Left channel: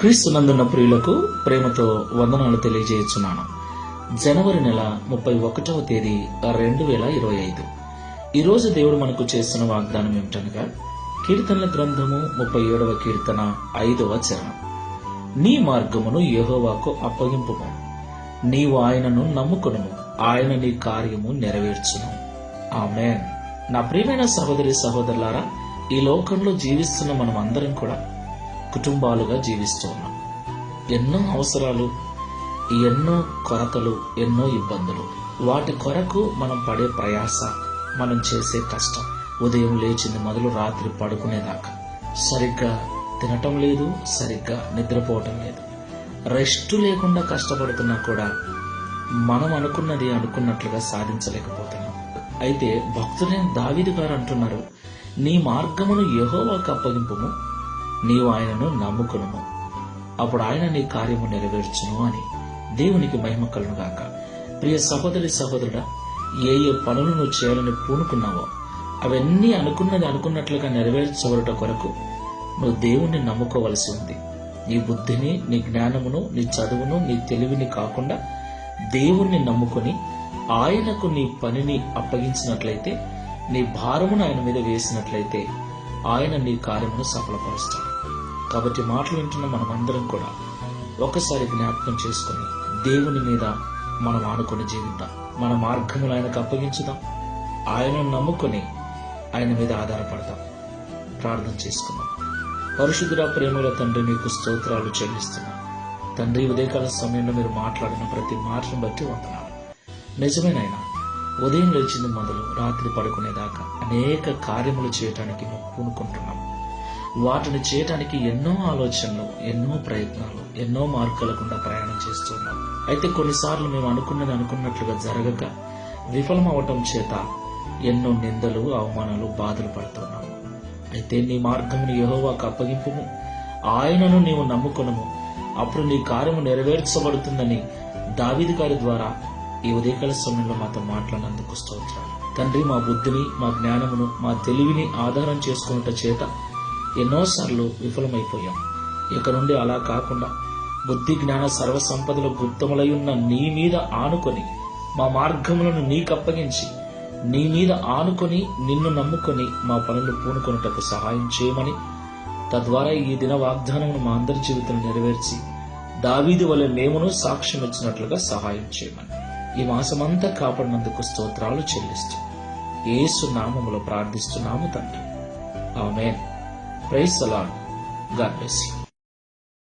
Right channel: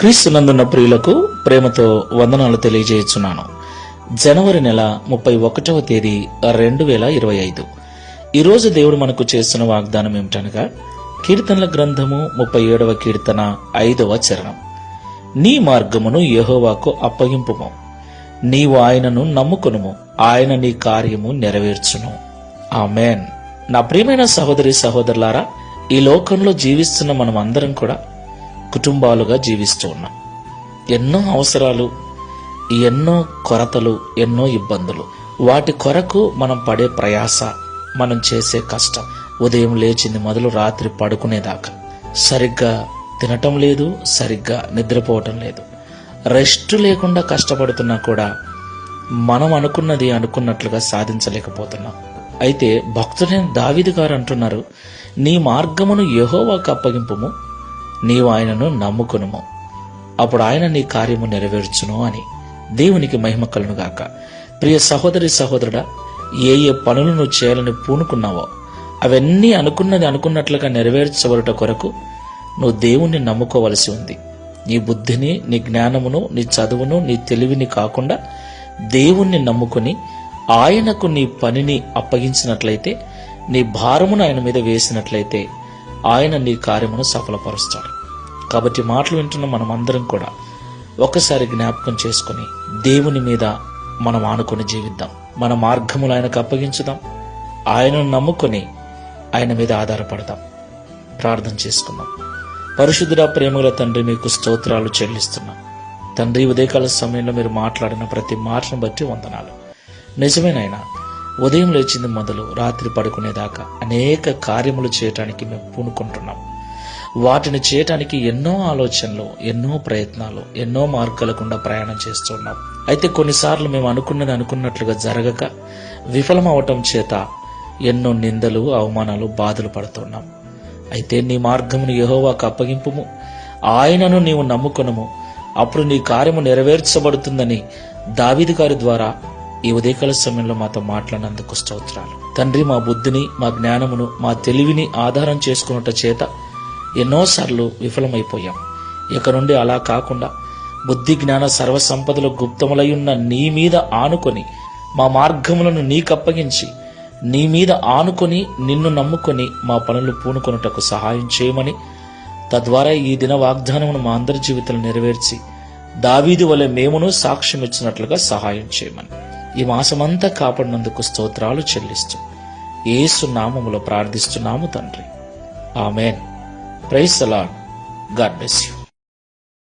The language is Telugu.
క్రీస్తునందున్న ప్రియులకు ప్రేమతో వందనాలు తెలియజేయుచున్నాను. జనవరి నెల ముప్పై ఒకటవ తేదీ రెండు వేల ఇరవై ఐదు. ఈరోజు దేవుడు మనకు చేస్తున్న వాగ్దానం ఏమిటనగా కీర్తనల గ్రంథము ముప్పై ఏడవ కీర్తన ఐదవ చరణం. నీ మార్గమును యహోవాకు అప్పగింపుము. నీవు ఆయనను నమ్ముకును ఆయన నీ కార్యము నెరవేర్చును. ఆమెన్. నా ప్రియమైన సహోదరి సహోదరులారా ఈ లోకంలో జీవిస్తున్న మనం అందరం కూడా కుటుంబాలుగా జీవిస్తూ ఉన్నాం. ఎన్నో అవసరాలు ఎన్నో కొరతలు ఎన్నో ఇబ్బందులు. వాటి కొరకు మనం పడే ప్రయాస మనం చేసే కష్టం. ఉదయం లేచింది మొదలు రాత్రి పడుకునేదాకా. సరిగ్గా తినటం లేదు సరిగ్గా నిద్రపోవటం లేదు. రెస్ట్ లేకుండా కష్టపడుతున్నా కూడా మనం అనుకున్నది అనుకున్నట్లుగా సాధించలేకపోతున్నాం. అయితే భక్తుడైన దావిది గారు అంటున్నారు నీ మార్గమును యహోవాకు అప్పగింపుము. నీవు ఆయనను నమ్ముకునుము. అప్పుడు ఆయన నీ కార్యము నెరవేర్చును అని దేవునికి మహిమ కలునుగాక ప్రియ సహోదరి సహోదరుడా ఏ ఏ పనులు నువ్వు చేయాలని పూనుకున్నావో అవన్నీ అనుకున్నది అనుకున్నట్లుగా నెరవేర్చబడుట కొరకు నువ్వు దేవుణ్ణి నమ్ముకోవలసి ఉంది. నీ బుద్ధిని నీ జ్ఞానమును నీ చదువును నీ తెలివిని కాకుండా దేవుణ్ణి నమ్ముకొని ఆయనకు నీ పనిని అప్పగించినట్లయితే నీ భారమును ఆయన మీద వేసినట్లయితే ఆయన నీ కార్యమును సఫలపరుస్తాడు. కాబట్టి మాటలు వింటున్న మనమందరం కూడా ఒకసారి జ్ఞాపకం చేసుకుని దేవుని మీద మనం ఆనుకొని జీవిద్దాం. మన మార్గములు ఆయనకు అప్పగించుదాం. ఆయనను నమ్ముకొని ఆయన మీద ఆధారపడదాం. ప్రార్థన చేసుకుందాం. పరిశుద్ధుడ ప్రేమల తండ్రి మీకు స్తోత్రాలు చెల్లిస్తున్నా. తండ్రి ఉదయకాల సమయంలో మీరు మాట్లాడిన ప్రతి మాటను బట్టి వందనాలు. నిజమేనైనా ఉదయం లేచింది మొదలు రాత్రి పడుకునేదాకా అనేక కార్యములు చేయటానికి మేము పూనుకుంటున్నాం. వాటిని చేయటానికి ఎన్నో ఆలోచనలు ఎన్నో ప్రయత్నాలు ఎన్నో మార్గాల గుండా ప్రయాణం చేస్తున్నాం. అయితే కొన్నిసార్లు మేము అనుకున్నది అనుకున్నట్లుగా జరగక విఫలం అవటం చేత ఎన్నో నిందలు అవమానాలు బాధలు పడుతున్నాం. అయితే నీ మార్గమును యహోవాకు అప్పగింపుము. ఆయనను నీవు నమ్ముకొనుము. అప్పుడు నీ కార్యము నెరవేర్చబడుతుందని దావిది గారి ద్వారా ఈ ఉదయకాల సమయంలో మాతో మాట్లాడినందుకు స్తోత్రాలు. తండ్రి మా బుద్ధిని మా జ్ఞానమును మా తెలివిని ఆధారం చేసుకున్నట చేత ఎన్నోసార్లు విఫలమైపోయాం. ఇక నుండి అలా కాకుండా బుద్ధి జ్ఞాన సర్వసంపదలు గుప్తములై ఉన్న నీ మీద ఆనుకొని మా మార్గములను నీకప్పగించి నీ మీద ఆనుకొని నిన్ను నమ్ముకొని మా పనులు పూనుకొనుటకు సహాయం చేయమని తద్వారా ఈ దిన వాగ్దానమును మా అందరి జీవితంలో నెరవేర్చి దావీది వలె మేమును సాక్ష్యం ఇచ్చినట్లుగా సహాయం చేయమని. ఈ మాసమంతా కాపాడినందుకు స్తోత్రాలు చెల్లిస్తూ ఏసు నామములో ప్రార్థిస్తున్నాము తండ్రి. ఆమెన్. ప్రైస్ అలా గాడ్ బ్లెస్ యూ.